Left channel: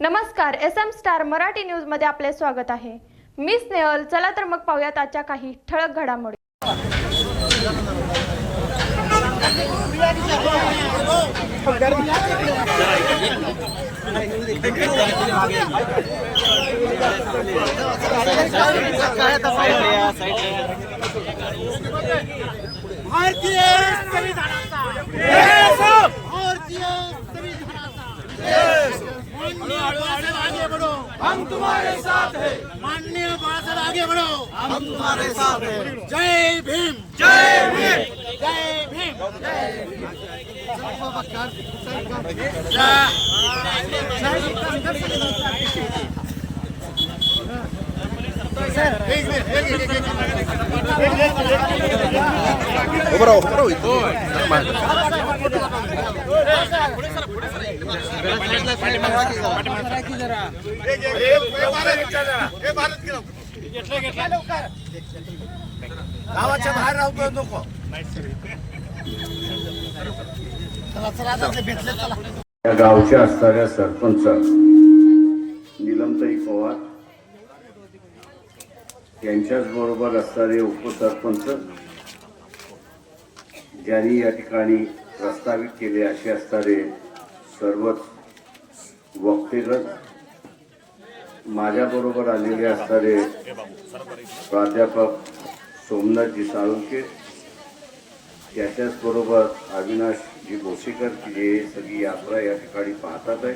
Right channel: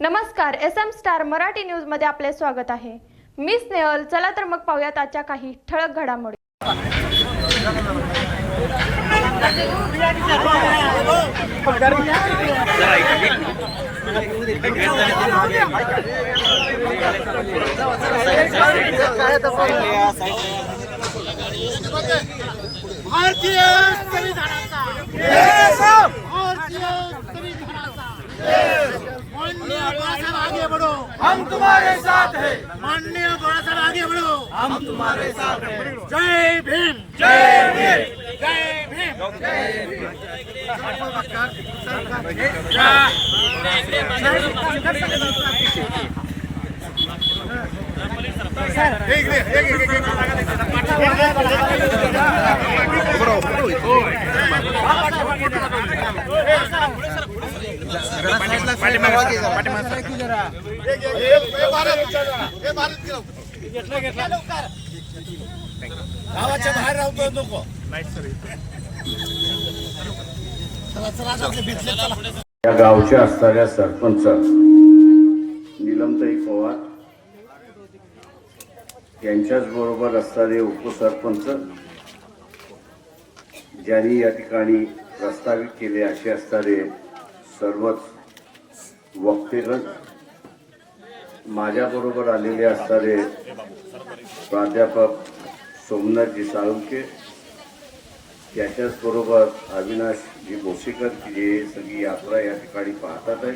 नमस्कार S M star Marathi न्यूजमध्ये आपले स्वागत आहे. मी स्नेहल चला तर मग पाहूयात आजच्या काही ठळक घडामोडी. भारतीय संविधानाचा भारतीय संविधानाचा माननीय बाळासाहेब आगे बढ़ो। हम तुम्हारे साथ हैं। माननीय बाळासाहेब आगे बढ़ो। हम तुम्हारे साथ हैं। जय भीम। जय भीम। जय भीम। गावाच्या बाहेर राहतो नको या गावच्या असणाऱ्या सरपंच निलमताई पवार यांच्याच बरोबर असणारे उपसरपंच ज्यांनी या ठिकाणी प्रस्तावित केले असे असणारे सर्वच वक्तेगत माझ्याबरोबर आलेले असणारे प्राध्यापक सोमनाथजी साळुंके त्याच्याच बरोबर अविनाशजी भोसेकर की जे सगळी यात्रा या ठिकाणी पाहतात आहे.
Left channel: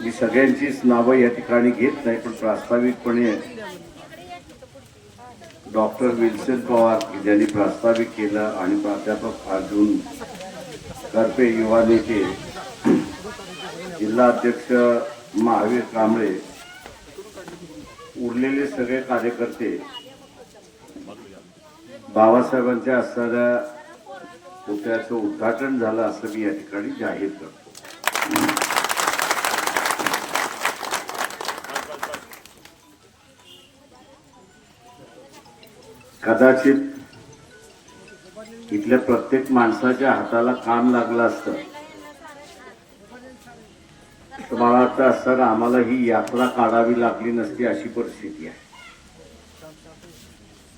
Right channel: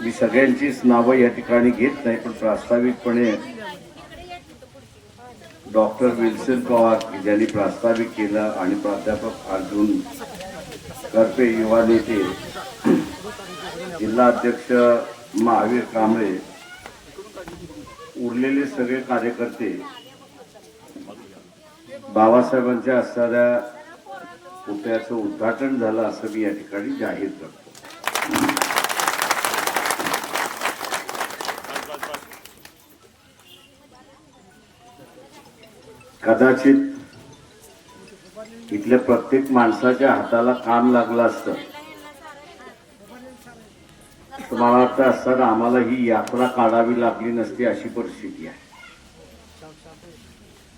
मी सगळ्यांचीच नावं या ठिकाणी घेत नाही पण प्रास्ताविकपणे डॉक्टर विल्सन पवार यांनी ज्यांनी प्रास्ताविक केलं आणि प्राध्यापक अर्जुन करपे युवा नेते जिल्हा अध्यक्ष महावीर कांबळे उरलेले सगळे कार्यकर्ते बाबासाहेबांच्या असणाऱ्या पुतळ्याचं उद्घाटन झालं असं मी या ठिकाणी जाहीर करतो. कदाचित इथल्या प्रत्येक माणसाच्या हाताला काम लागलं असतं. तर मला वाटतं असताना आम्हाला ही यात्रा काढावी लागली नसती अशी परिस्थिती आहे.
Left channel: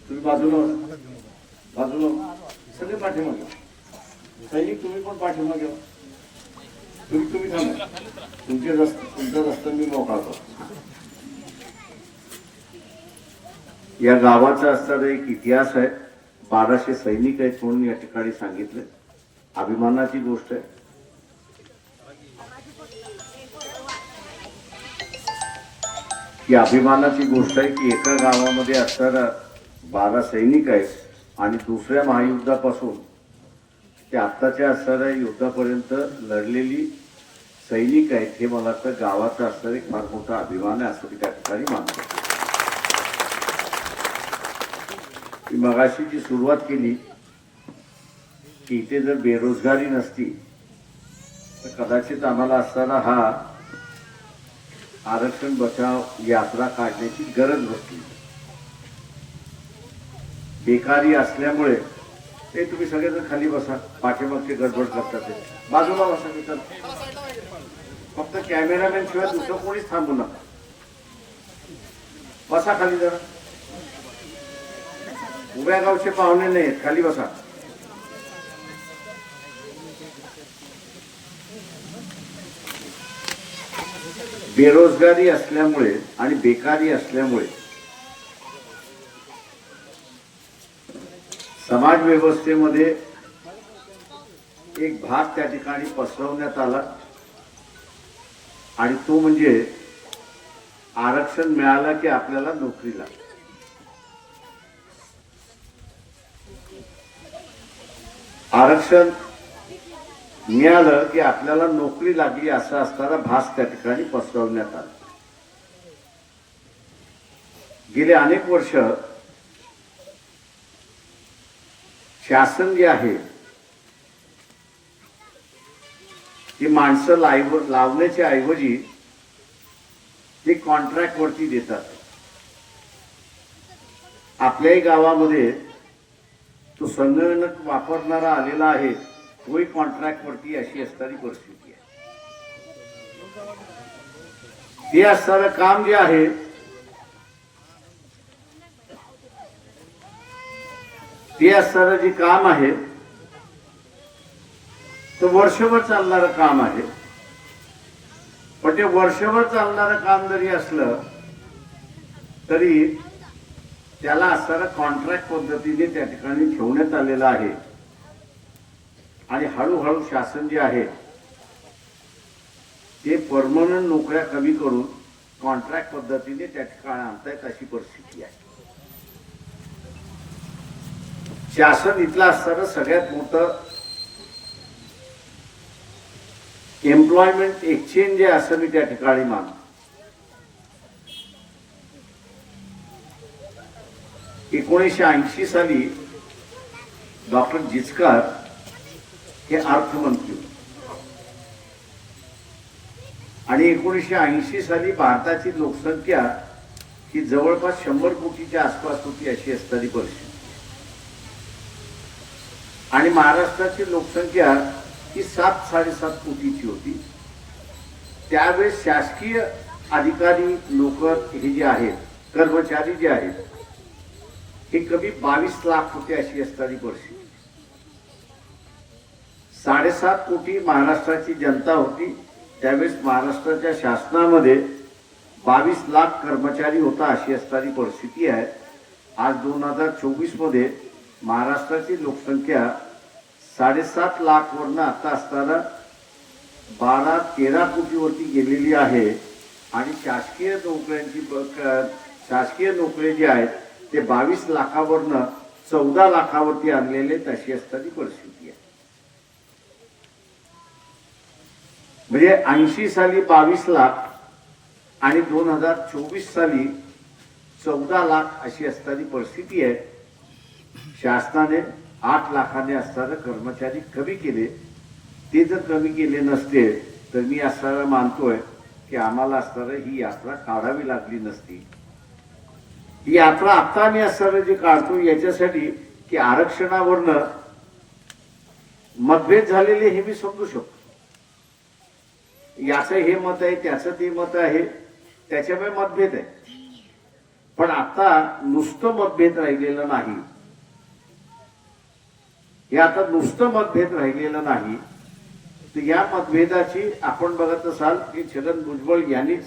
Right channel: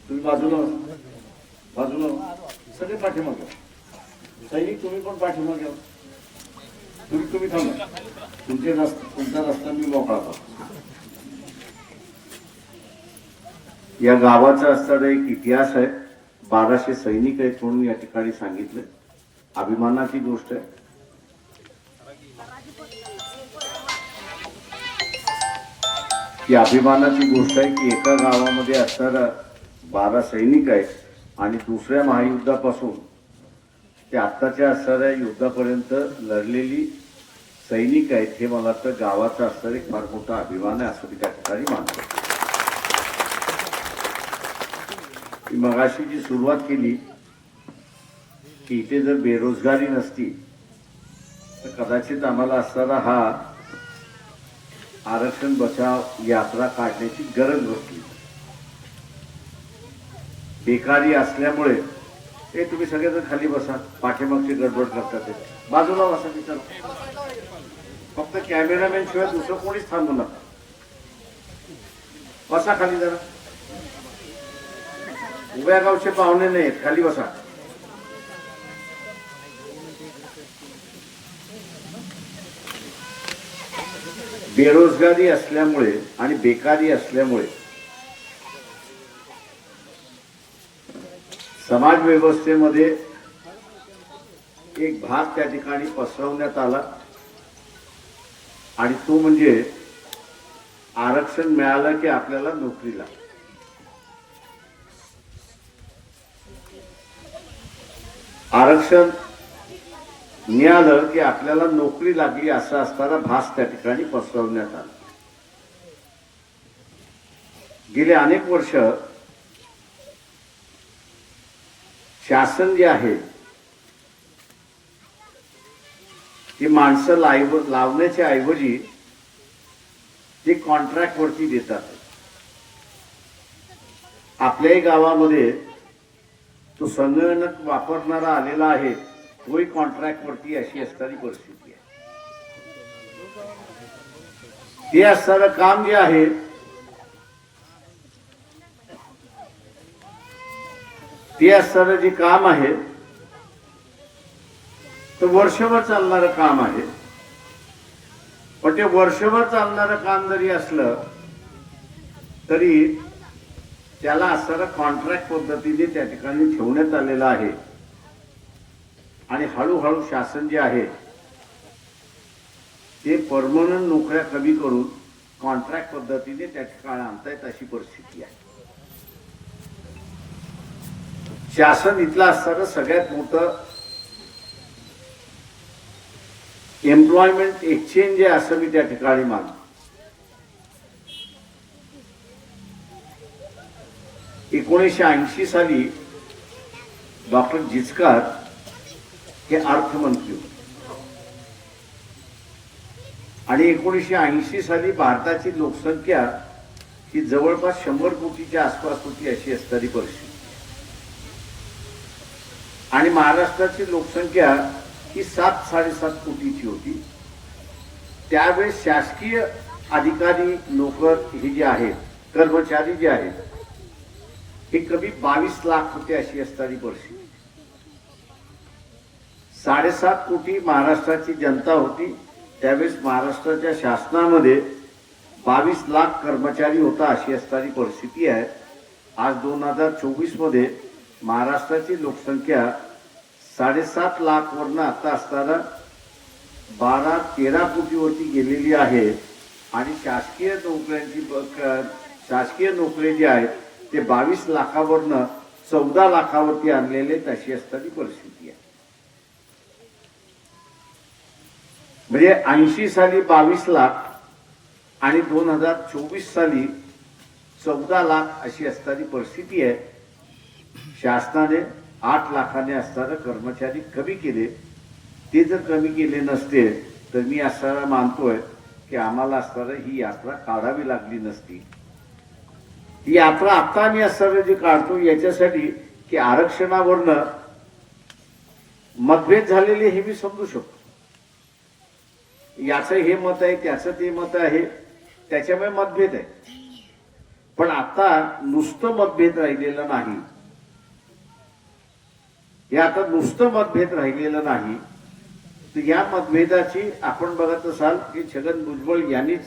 तुम्ही बाजूला बाजूला सगळे पाठीमागे. सैनिक तुम्ही पण पाठीमागे घ्या तुम्ही तुम्ही थांबा. तुमचे रस्ते तुमचा रस्ता मी मोकळा करतो. या गावाचा असणारा एक इतिहास आहे. बाराशे सैनिक आहेत म्हणून या ठिकाणी सांगितले. अभिमानाची गोष्ट आहे. की अभिमानाची गोष्ट आहे की एका गावामध्ये असणारा बारा सैनिक आहेत आणि दुसऱ्या महायुद्धापासून ते आत्ताच्या असणाऱ्या युद्धापर्यंत लढलेली सैनिक आहेत हे मला तर गावाचा असणारा एक फार मोठा अभिमान आहे असं मी त्या ठिकाणी मानतो मी मगाशी जी सुरुवात केली की इथे जर बेरोजगारी नसती तर कदाचित आम्हाला असणारा हा आरक्षण बचाव यात्रा काढण्याची गरज बसली बेकारी असल्यामुळे ते तुम्ही सगळेजण खाली बसा पाठीमागची गडबड करतात ते. बाजूला बसा तिथं फक्त कॅमेरामॅन शिवाय दुसरं कोणीच थांबू नका. बसा खाली जरा. उभ्या गावचे पाहुणे नाहीत खाली बसा. बेरोजगारी असल्यामुळे आणि बेकारी असल्यामुळे समाज व्यवस्थेमध्ये एक भाग त्या ठिकाणी पसरवण्यात आला. आणि तो म्हणजे आरक्षण मिळालं की आपल्याला नोकरीला आरक्षण मिळालं की आपल्याला नोकरी लागली असा असताना भास त्या ठिकाणी पसरवण्यात आला. गेले अनेक वर्ष शासन जे आहे ती माणसं लाईव लावण्याच्या ऐवजी ते कॉन्ट्रॅक्ट वरती देतात. आपल्याही गावामध्ये तो संगणक वापरणारा आलेला आहे तोही कॉन्ट्रॅक्ट वरती अशी असणारी परिस्थिती आहे. ते असणारं काम जे आहे ते असणारं जे काम आहे ते वर्षभर चालणारं काम आहे. पण ते वर्षभर चालणारं काम जरी असलं तरी त्याला असणारं कॉन्ट्रॅक्ट पद्धतीने त्या ठिकाणी ठेवण्यात आलेलं आहे. आणि हळूहळू शासन जे आहे ते परमनंट नोकऱ्या कमी करून कॉन्ट्रॅक्ट पद्धतीने त्या ठिकाणी आणतायत अशी परिस्थिती आहे. शासन इथलं असताना सगळ्यात मोठं एम्प्लॉयमेंट एक्सचेंज जे असं मी त्या ठिकाणी मानतो. एकोणीसशे ऐंशी साली डॉक्टर जिचकार हे अर्थमंत्री होते. आणि एकोणीसशे ऐंशी साली भारताची लोकसंख्या ही जवळपास शंभर कोटीच्या आसपास होती अशी असणारी परिस्थिती आणि महाराष्ट्राची लोकसंख्या ही सात साडेसात कोटीची होती. त्यावेळेस शासकीय अधिकारी नोकर हे जे आहेत कर्मचारी जे आहेत हे कमी बावीस लाख होते अशी असणारी परिस्थिती साडेसात कोटी महाराष्ट्राची जनता होती त्यावेळेस महाराष्ट्राच्या शासनामध्ये बावीस लाख कर्मचारी होता अशी असणारी परिस्थिती आहे. आज दोन हजार चोवीसमध्ये महाराष्ट्राची लोकसंख्या साडेसात लाख वरनं आता असताना बारा तेरा कोटीवरती गेलेली आहे. आणि शासकीय नोकऱ्यांची शासकीय नोकरी जी आहेत ते बावीस लाखावरनं चौदा लाखावरती आणलेले तशी असताना परिस्थिती आहे. म्हणजे ऐंशी साली बावीस लाख आणि दोन हजार चोवीस साली चौदा लाख अशी असणारी परिस्थिती आहे. शासनाने आठ लाखाने असणारे कर्मचारी कमी केले. ते जर कमी केले नसते तर मी असताना मानतोय की आम्हाला असताना ही यात्रा काढावी लागली नसती. ही आपला आता आणि असताना जी काढतो याच्यासाठी की आरक्षणावरनं मतभेद झालेले हे मी समजू शकतो. याचं हे मत आहे त्याचं ते मत आहे त्याच्यामुळे मतभेद आहे. पण आता नुसतं मतभेद राहिलेलं नाही. हे आता नुसतं मतभेद राहिलेलं नाही. तर या मतभेदाची आपण बघत असाल की छगन भुजबळ यांनीच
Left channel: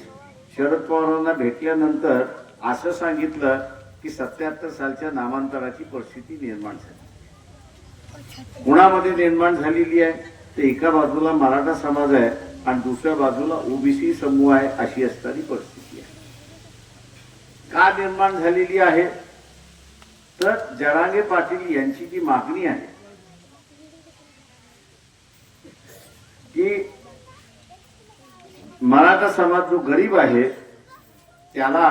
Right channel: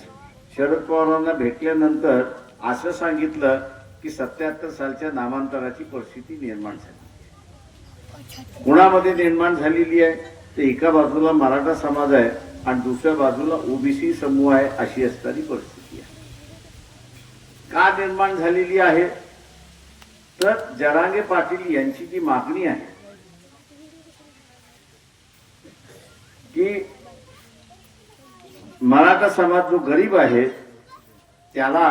शरद पवारांना भेटल्यानंतर असं सांगितलं की सत्याहत्तर सालच्या नामांतराची परिस्थिती निर्माण झाली. कुणामध्ये निर्माण झालेली आहे तर एका बाजूला मराठा समाज आहे आणि दुसऱ्या बाजूला ओबीसी समूह आहे अशी असणारी परिस्थिती आहे. का निर्माण झालेली आहे? तर जरांगे पाटील यांची जी मागणी आहे की मराठा समाज जो गरीब आहे त्याला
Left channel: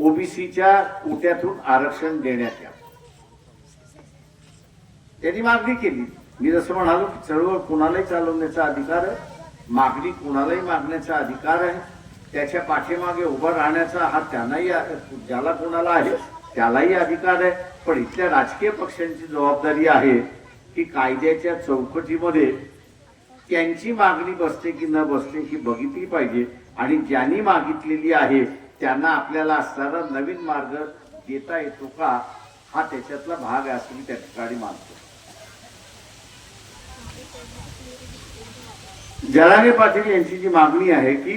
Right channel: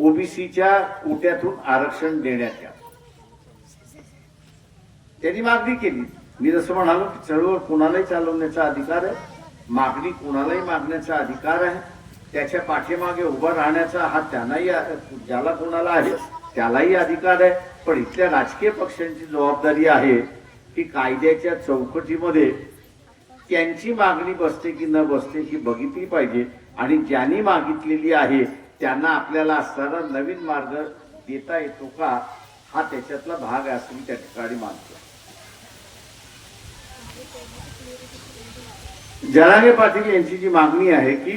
ओबीसीच्या कोट्यातून आरक्षण देण्यात यावं. त्यांनी मागणी केली. मी जसं म्हणालो की चळवळ कुणालाही चालवण्याचा अधिकार आहे मागणी कुणालाही मागण्याचा अधिकार आहे. त्याच्या पाठीमागे उभा राहण्याचा हा त्यांनाही ज्याला कोणाला आहे त्यालाही अधिकार आहे. पण इथल्या राजकीय पक्षांची जबाबदारी आहे की कायद्याच्या चौकटीमध्ये त्यांची मागणी बसते की न बसते ही बघितली पाहिजे. आणि ज्यांनी मागितलेली आहे त्यांना आपल्याला असणारा नवीन मार्ग देता येतो का? हा त्याच्यातला भाग आहे असं मी त्या ठिकाणी मानतो. जरांगे पाटील यांची जी मागणी आहे की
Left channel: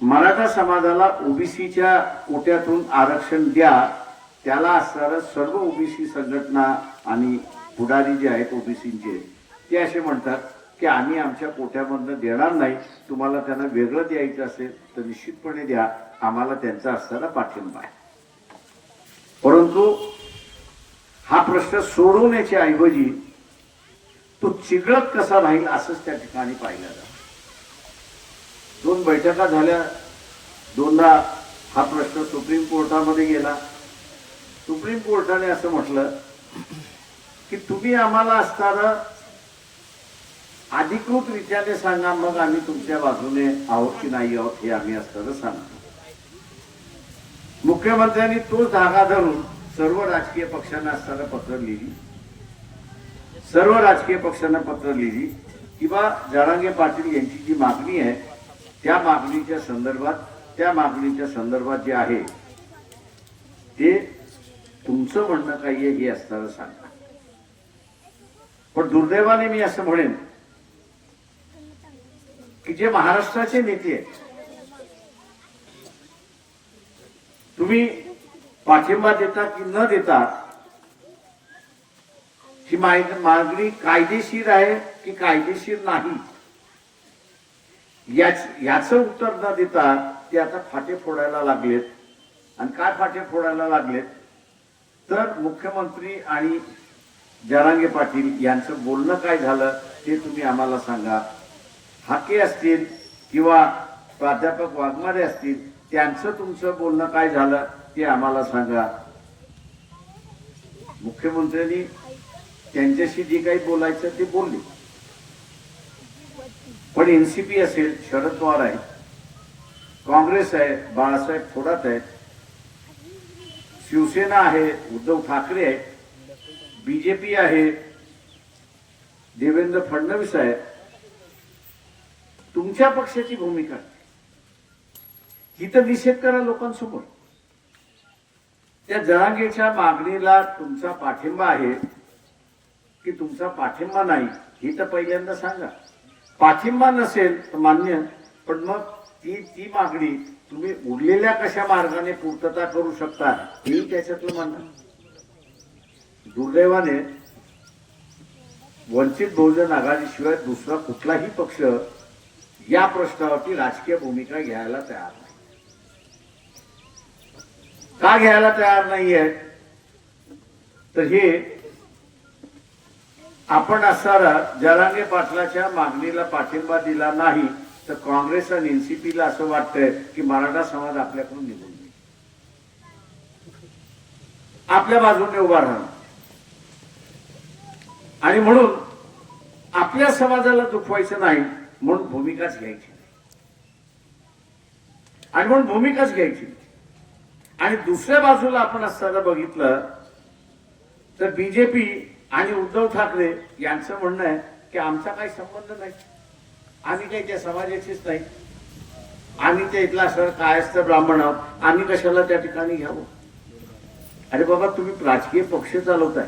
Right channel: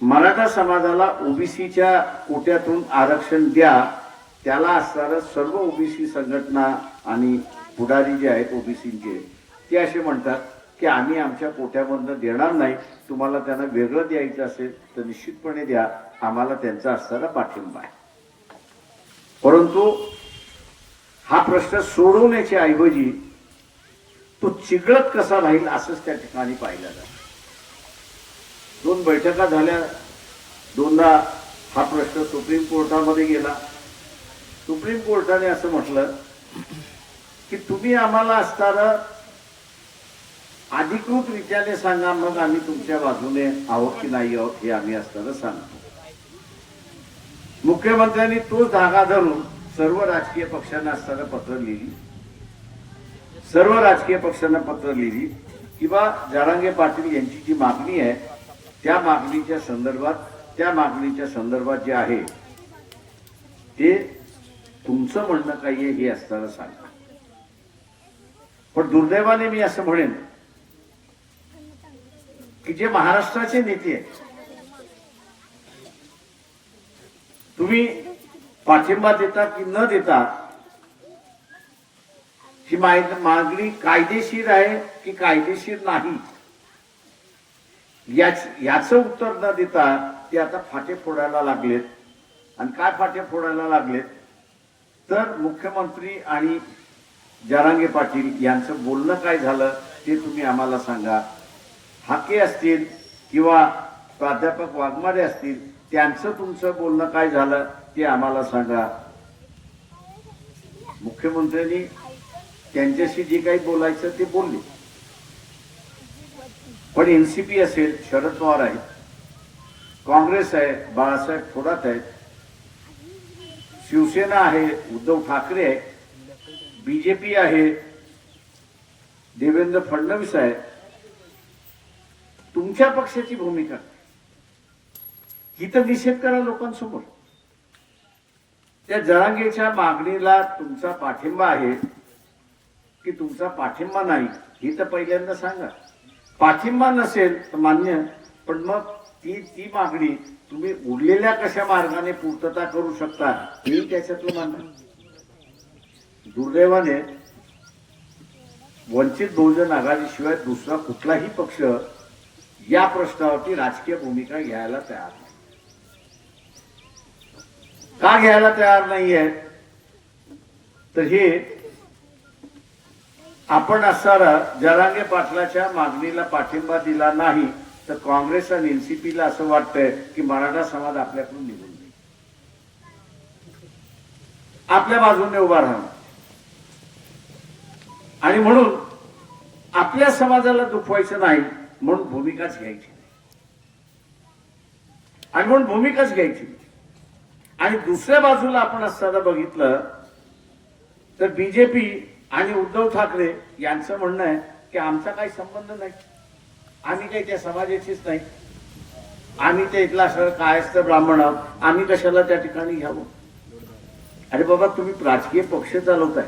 मराठा समाजाला ओबीसीच्या कोट्यातून आरक्षण द्या त्याला असणारं सर्व ओबीसी संघटना आणि पुढारी जे आहेत ओबीसीचे ते असे म्हणतात की आम्ही आमच्या पोट्यामधनं देणार नाही तुम्हाला त्यांना वेगळं द्यायचं असेल तर निश्चितपणे द्या. आम्हाला त्यांचा असणारा पाठिंबा आहे. परंतु हा प्रश्न सोडवण्याच्या ऐवजी तो चिघळत कसा राहील असंच त्या ठिकाणी पाहिलं जातं. दोन बैठका झाल्या दोनदा हा प्रश्न सुप्रीम कोर्टामध्ये गेला. सुप्रीम कोर्टाने असं म्हटलं की तुम्ही आम्हाला असताना अधिकृत रीत्याने सांगा मग आम्ही तुमच्या बाजूने आहोत की नाही आहोत हे आम्ही असताना सांगतो. मुख्यमंत्र्यांनी तो धागा धरून सर्व राजकीय पक्षांना असताना पत्र लिहिली. सर्व राजकीय पक्षांना पत्र लिहिली किंवा जारांगे पाटील यांची जी मागणी आहे त्या मागणीच्या संदर्भात त्या मागणीच्या संदर्भात जे आहे ते तुमचं म्हणणं काही आहे हे असताना सांगा. पण दुर्दैवाने मी असं म्हणेन की जे महाराष्ट्राचे नेते आहेत. तुम्ही पाठिंबा देता की न देता ही मागणी कायदेशीर आहे की कायदेशीर नाही? याच याच उत्तर न देता ते आता फाटे फोडायला लागलेत. आणि काय फाटे फोडायला लागलेत? तर मुख्यमंत्री आणि जरांगे पाटील यांचं बोलणं काय झालं ते तुम्ही आम्हाला सांगा. हाके असतील किंवा प्राध्यापक वाघमारे असतील त्यांचं तुमचं बोलणं काय झालं ते आम्हाला सांगा. मुख्यमंत्र्यांनी त्यांच्याशी जे काही बोलायचं ते बोलले. पण एनसीपी असेल शरद पवार आहे काँग्रेस आहे बाळासाहेब थोरात आहेत शिवसेना आहे उद्धव ठाकरे आहे बीजेपी आहे देवेंद्र फडणवीस आहे तुमच्या पक्षाची भूमिका ही तर निषेध करा लोकांसमोर. त्या जरांगेच्या मागणीला तुमचा पाठिंबा आहे की तुमचा पाठिंबा नाही ही तर पहिल्यांदा सांगा. पाठिंबा नसेल तर मान्य पण मग ती ती मागणी तुम्ही उरलेल्या कशा मार्गाने पूर्तता करू शकता हे त्याच्यातलं म्हणणं दुर्दैवाने वंचित बहुजन आघाडीशिवाय दुसरा कुठलाही पक्ष या प्रश्नावरती राजकीय भूमिका घ्यायला तयार नाही. का घ्यायला तयार नाहीये? तर हे आपण असणारा जरांगे पाटलाच्या मागणीला पाठिंबा दिला नाही तर काँग्रेस आणि एनसीपीला असं वाटतंय की मराठा समाज आपल्याकडून निघून जाईल. आपल्या बाजूने उभा राहणार आणि म्हणून आपल्या समाजाला दुखवायचं नाही म्हणून भूमिकाच घ्यायची नाही. आणि म्हणून भूमिकाच घ्यायची आणि दुसऱ्या बाजूला आपण असताना बघितलं तर बीजेपी आणि उद्धव ठाकरे यांचं म्हणणं आहे की आमचा काही संबंध नाही. आम्ही काही त्या समाजाचीच नाही. आम्ही त्या इथला असं कायस्थ ब्राह्मण आहोत. आम्ही कशाला त्या ठिकाणी घ्यावं? अरे बाबा तुम्ही राजकीय पक्ष चालवताय.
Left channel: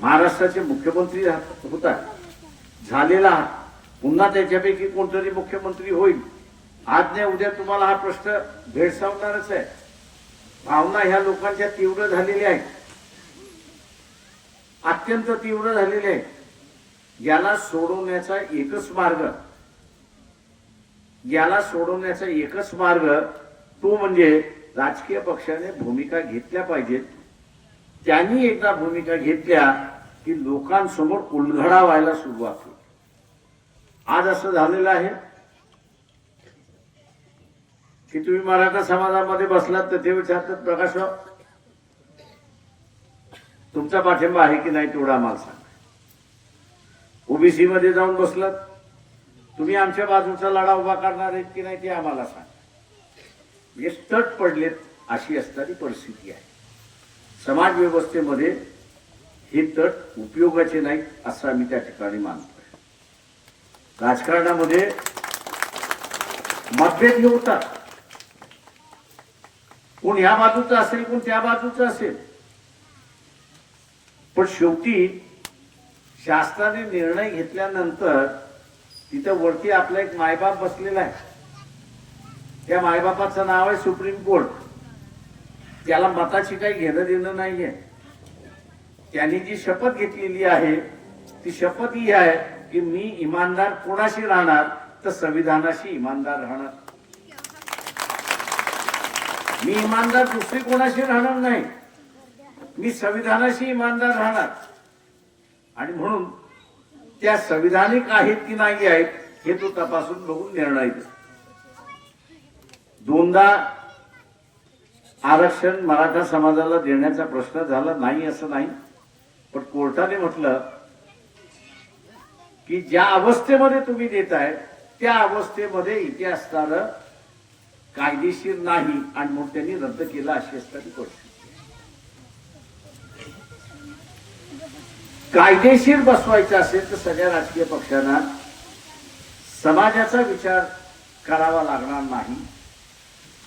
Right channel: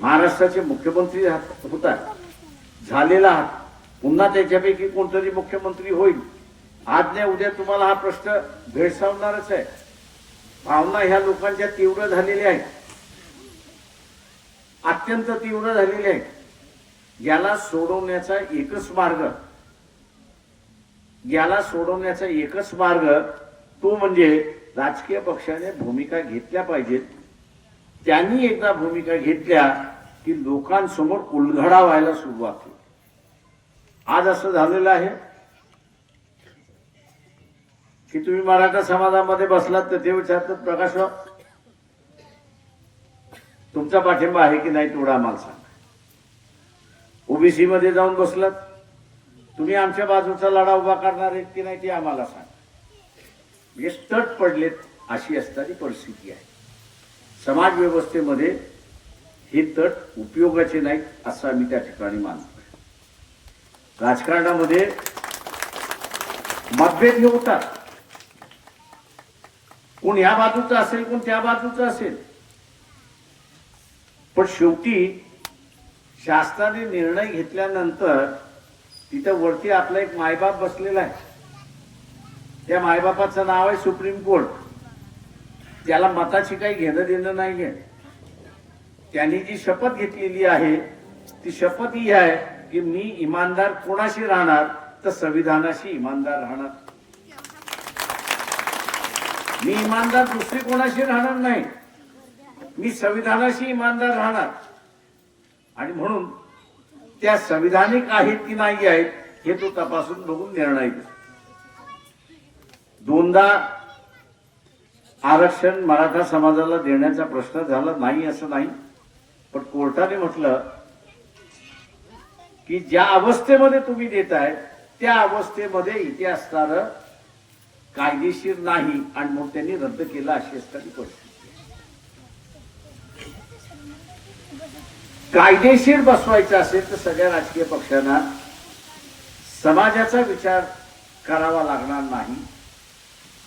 महाराष्ट्राचे मुख्यमंत्री आहात- होताय. झालेला आहात. पुन्हा त्याच्यापैकी कोणतरी मुख्यमंत्री होईल. आज नाही उद्या तुम्हाला हा प्रश्न भेडसावणारच आहे. भावना ह्या लोकांच्या तीव्र झालेल्या आहेत. अत्यंत तीव्र झालेले आहे याला सोडवण्याचा एकच मार्ग याला सोडवण्याचा एकच मार्ग तो म्हणजे राजकीय पक्षाने भूमिका घेतल्या पाहिजेत. त्यांनी एकदा भूमिका घेतल्या की लोकांसमोर उलघडा व्हायला सुरुवात होईल. आज असं झालेलं आहे की तुम्ही मराठा समाजामध्ये बसलात तर ते विचारतात प्रकाशराव तुमचा पाठिंबा आहे की नाही तेवढा आम्हाला सांगा. ओबीसी मध्ये जाऊन बसलात तुम्ही आमच्या बाजूचा लढा उभा करणार आहेत की नाही ते आम्हाला सांगा. म्हणजे तट पडलेत अशी असणारी परिस्थिती आहे. समाज व्यवस्थेमध्ये हे तट उपयोगाचे नाहीत असं आम्ही त्या ठिकाणी मानतो. राजकारणामध्ये मतभेद हे होतात. कोण ह्या बाजूचं असेल कोण त्या बाजूचं असेल. पण शेवटी शासनाने निर्णय घेतल्यानंतर तिथं वरती आपला एक मायबाप बसलेला आहे. त्या मायबापाचं नाव आहे सुप्रीम कोर्ट. त्याला मताची काही घेणं देणं नाहीये. त्यांनी जी शपथ घेतलेली आहे ती शपथ ही आहे की मी इमानदार कोणाशी राहणार तर संविधानाशी इमानदार राहणार. मी इमानदार दुसरी कोणाशी राहणार नाही. मी संविधानाशी इमानदार राहणार. आणि म्हणून त्या संविधानिक आहेत की नाही आहेत हे तो तपासून बघून निर्णय दोनदा आरक्षण मराठा समाजाला देण्याचा प्रश्न झाला नाही असं नाही. पण कोर्टाने म्हटलं की ज्या अवस्थेमध्ये तुम्ही देताय त्या अवस्थेमध्ये इथे असणारं कायदेशीर नाही आणि मग त्यांनी रद्द केलं अशी असणारी गोष्ट कायदेशीर बसवायचं असेल तर सगळ्या राजकीय पक्षांना समाजाचा विचार करावा लागणार नाही.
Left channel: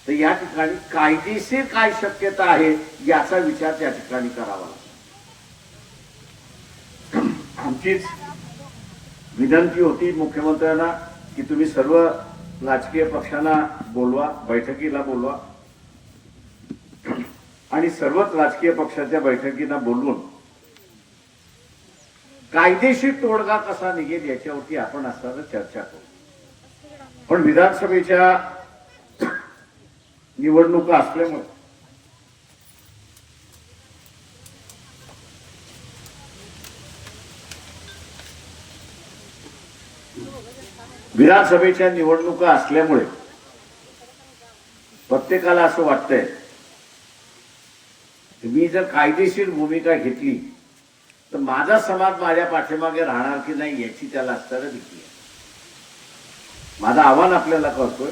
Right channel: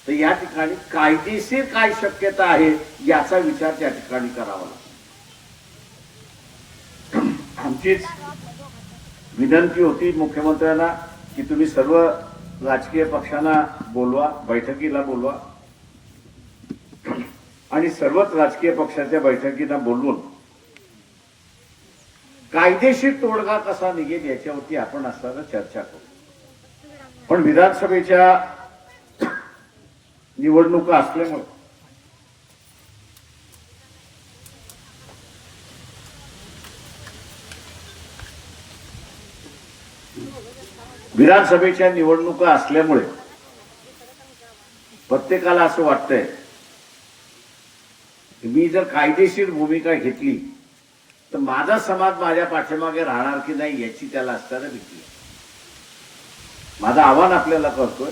तर या ठिकाणी कायदेशीर काय शक्यता आहे याचा विचार त्या ठिकाणी करावा लागतो आमचीच विनंती होती मुख्यमंत्र्यांना की तुम्ही सर्व राजकीय पक्षांना बोलवा बैठकीला बोलवा. आणि सर्वच राजकीय पक्षाच्या बैठकींना बोलवून कायदेशीर तोडगा कसा निघेल याच्यावरती आपण असताना चर्चा करू. पण विधानसभेच्या निवडणुका असल्यामुळे विधानसभेच्या निवडणुका असल्यामुळे प्रत्येकाला असं वाटतंय की मी जर कायदेशीर भूमिका घेतली तर माझा समाज माझ्या पाठीमागे राहणार की नाही याची त्याला असताना भीती माझं आव्हान आपल्याला करतोय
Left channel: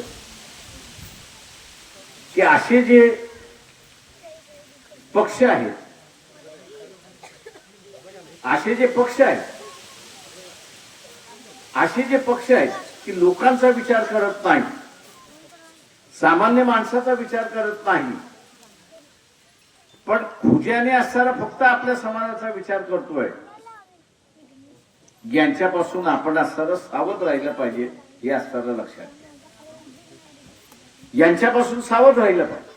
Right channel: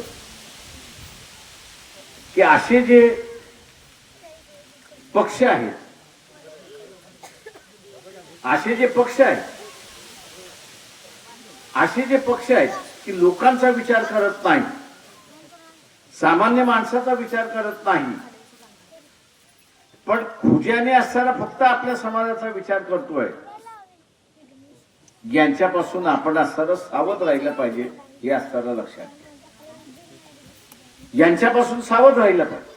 की असे जे पक्ष आहेत असे जे पक्ष आहेत असे जे पक्ष आहेत की लोकांचा विचार करत नाही. सामान्य माणसाचा विचार करत नाही. पण खुज्याने असताना फक्त आपल्या समाजाचा विचार करतोय. यांच्यापासून आपण असताना सावध राहिलं पाहिजे हे असताना लक्षात घ्या यांच्यापासून सावध राहिलं पाहिजे.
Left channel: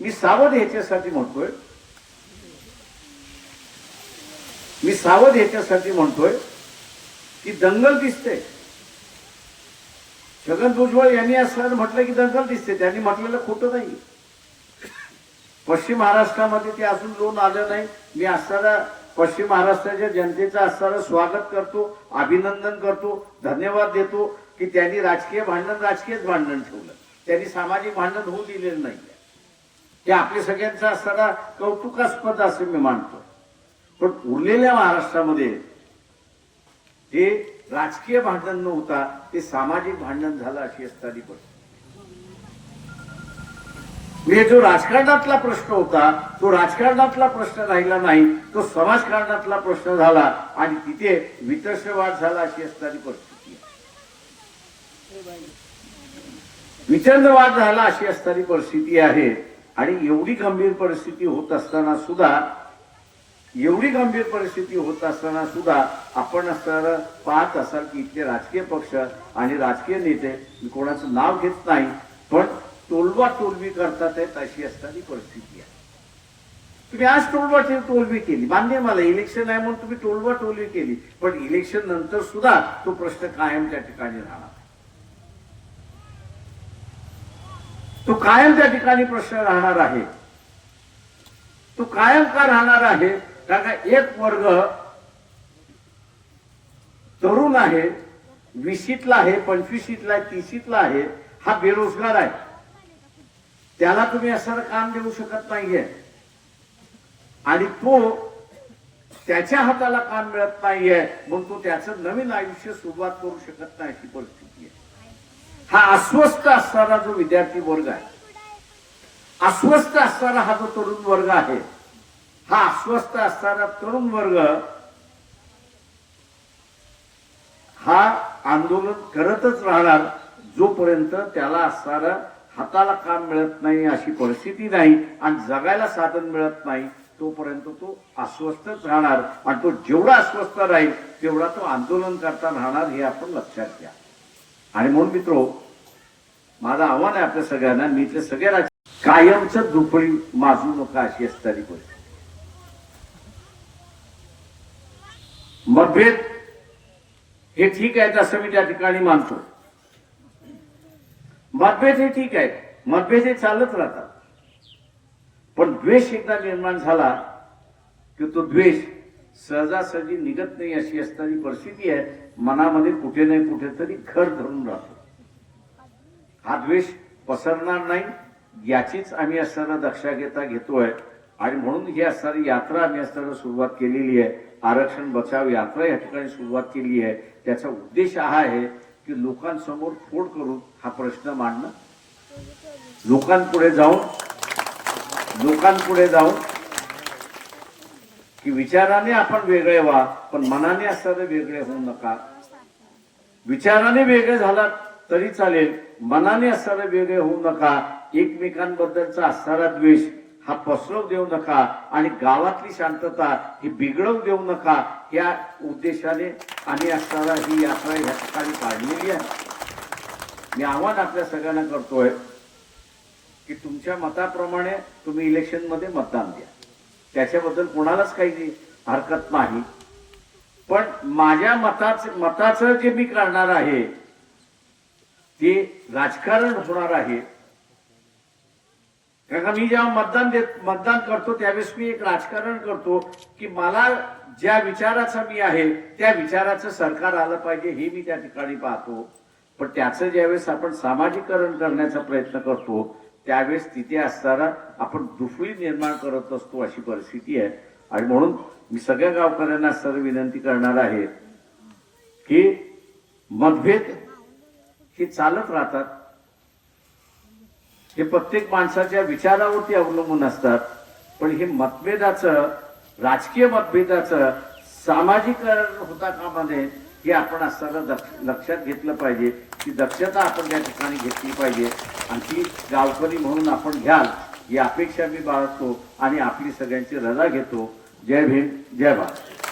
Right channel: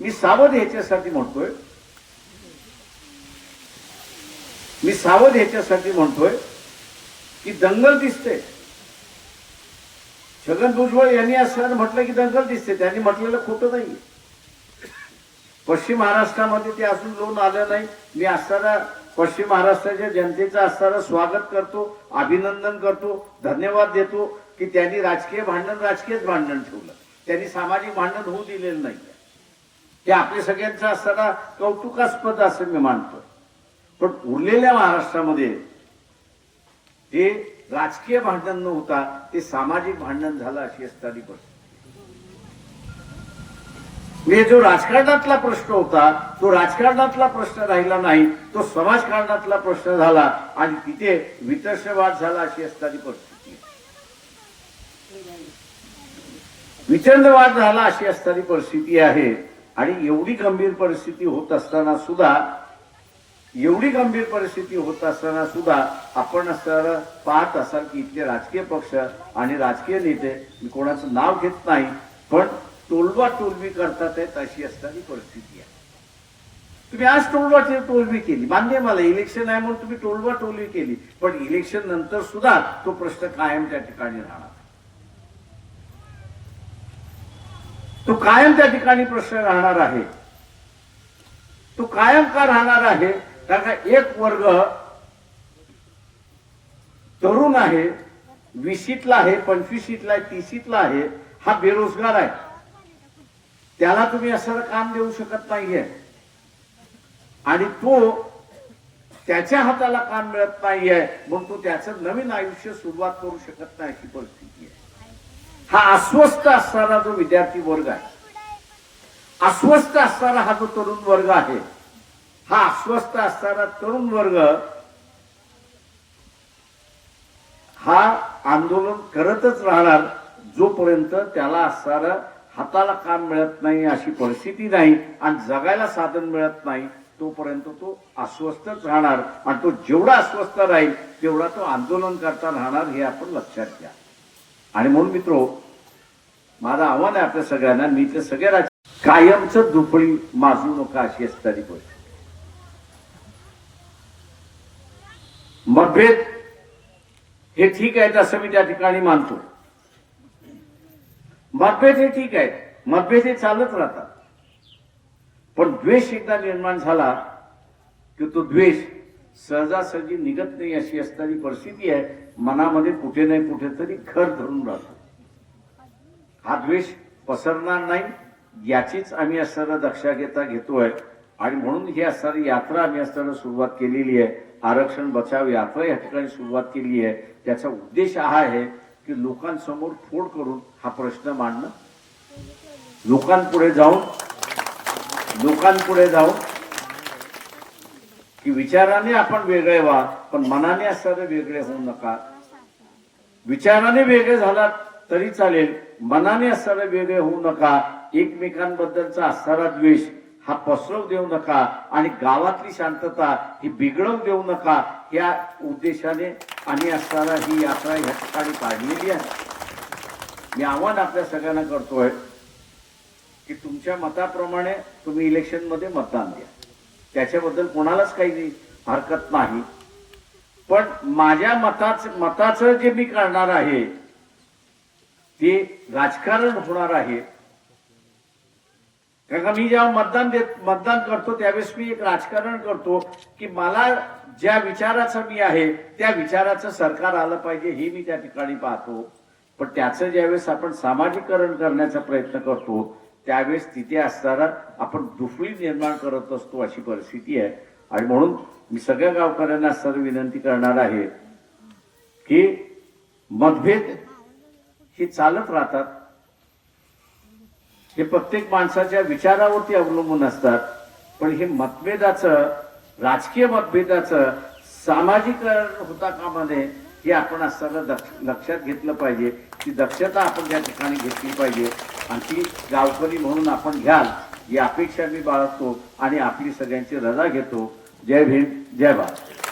मी सावध ह्याच्यासाठी म्हणतोय. मी सावध ह्याच्यासाठी म्हणतोय की दंगल दिसते छगन भुजबळ यांनी असं म्हटलं की दंगल दिसते. त्यांनी म्हटलेलं खोटं नाही पश्चिम महाराष्ट्रामध्ये ते अजून जाऊन आलं नाही. मी असताना पश्चिम महाराष्ट्राच्या जनतेचं असताना स्वागत करतो अभिनंदन करतो धन्यवाद देतो की त्यांनी राजकीय भांडण राजकीयच भांडण ठेवलं. त्यांनी सामाजिक भांडण होऊ दिलेलं नाही ते आपल्या सगळ्यांचं असताना कौतुकास्पद असं मी मानतो. पण उरलेल्या महाराष्ट्रामध्ये हे राजकीय भांडण न होता ते सामाजिक भांडण झालं अशी असताना परिस्थिती म्हणजे जो राजकारणातला प्रश्न होता तो राजकारणातला प्रश्न राहिला नाही तो समाजकारणातला प्रश्न झाला आणि तिथे वितर्षवाद झाला अशी असणारी परिस्थिती आहे. विचंदवाद झाला अशी असणारी परिस्थिती आहे आणि एवढी गंभीर परिस्थिती होत असताना सुद्धा एवढी गंभीर परिस्थिती होत असताना सुद्धा आपण असताना पाहत असाल की इथले राजकीय पक्ष आणि राजकीय नेते मी कोणाचं नाव घेत नाही पण टोलवा टोलवी करतात आहेत अशी असणारी परिस्थिती आहे. तुम्ही आज टोलवा टोलवी केली. मान्य आहे मला इलेक्शन आहे म्हणून तुम्ही टोलवा टोलवी केली. पण इलेक्शन नंतर सुद्धा तो प्रश्न कायम त्या ठिकाणी राहणार. तो कायम त्या ठिकाणी प्रश्न राहणार आहे. तो कायम का राहणार आहे? कारण एक वर्ग तरुण आहे वीसीतला आहे पंचवीसीतला आहे तीसीतला आहे हा बेरोजगार आहे. त्याला तुम्ही असं काम देऊ शकत नाहीये. आणि तो त्याच्या हाताला काम मिळत नाहीये मग तो त्याचं नवीन आयुष्य सुरुवात करू शकत नाही अशी परिस्थिती आहे. हा अस्वस्थ असणारा जो विद्यार्थी वर्ग आहे अस्वस्थ असणारा हा जो तरुण वर्ग आहे हा अस्वस्थ असणारा तरुण वर्ग हा आंदोलन करतच राहणार जोपर्यंत त्याला असणारं हाताला काम मिळत नाही अशी परिस्थिती नाही आणि जगायला साधन मिळत नाही तोपर्यंत तो अस्वस्थच राहणार आणि तो जेवढा अस्वस्थ राहील तेवढा तो आंदोलन करता राहणार हे आपण लक्षात घ्या. आणि म्हणून मित्रो माझं आव्हान आहे आपल्या सगळ्यांना मी ते सगळ्या कायमच दुपळी माजू नका अशी असणारी गोष्ट. मतभेद हे ठीक आहेत असं मी त्या ठिकाणी मानतो. मतभेद हे ठीक आहे मतभेद हे चालत राहतात. पण द्वेष एकदा निर्माण झाला की तो द्वेष सहजासहजी निघत नाही अशी असणारी परिस्थिती आहे. मनामध्ये कुठे नाही कुठेतरी घर धरून राहतो. हा द्वेष पसरणार नाही याचीच आम्ही असताना दक्षा घेता घेतोय. आणि म्हणून ही असणारी यात्रा आम्ही असताना सुरुवात केलेली आहे. आरक्षण बचाव यात्रा या ठिकाणी सुरुवात केली आहे. त्याचा उद्देश हा आहे की लोकांसमोर फोड करून हा प्रश्न मांडणं. लोकांपुढे जाऊन लोकांपुढे जाऊन की विचाराने आपण वेगळे व्हा पण मनाने असणारे वेगळे होऊ नका. विचाराने वेगळे झाला तरी चालेल मनाने असणारे वेगळे होऊ नका. एकमेकांबद्दलचा असणारा द्वेष हा पसरव देऊ नका आणि गावातली शांतता ही बिघडवून देऊ नका. या उद्देशाने आणि असणारा ही यात्रा या ठिकाणी काढलेली आहे. मी आव्हान आपल्या सगळ्यांना करतोय की तुमच्या मताप्रमाणे तुम्ही इलेक्शनमध्ये मतदान द्या. त्याच्याबद्दल कोणालाच काही हरकत नाही. पण माझ्या मताच मताचं जे मी करणार आहे ते राजकारण होणार आहे. कारण का मी जेव्हा मतदान देत मतदान करतो त्यावेळेस मी एक राजकारण करतो की मला ज्या विचाराचं मी आहे त्या विचाराचं सरकार आलं पाहिजे हे मी त्या ठिकाणी पाहतो. पण त्याचं ज्यावेळेस आपण सामाजिकरण करण्याचा प्रयत्न करतो त्यावेळेस तिथे असताना आपण दुफळी निर्माण करत असतो अशी परिस्थिती आहे. आणि म्हणून मी सगळ्या गावकऱ्यांना सर विनंती करणार आहे की मतभेद हे चालत राहतात. हे प्रत्येक माणसाच्या विचारावरती अवलंबून असतात. पण हे मतभेदाचं राजकीय मतभेदाचं सामाजिकरण होता कामा नये हे आपण असताना दक्ष- लक्षात घेतलं पाहिजे. ती दक्षता आपण त्या ठिकाणी घेतली पाहिजे. आणि ती गावकरी म्हणून आपण घ्याल ही अपेक्षा मी बाळगतो आणि आपली सगळ्यांची रजा घेतो. जय भीम जय भारत.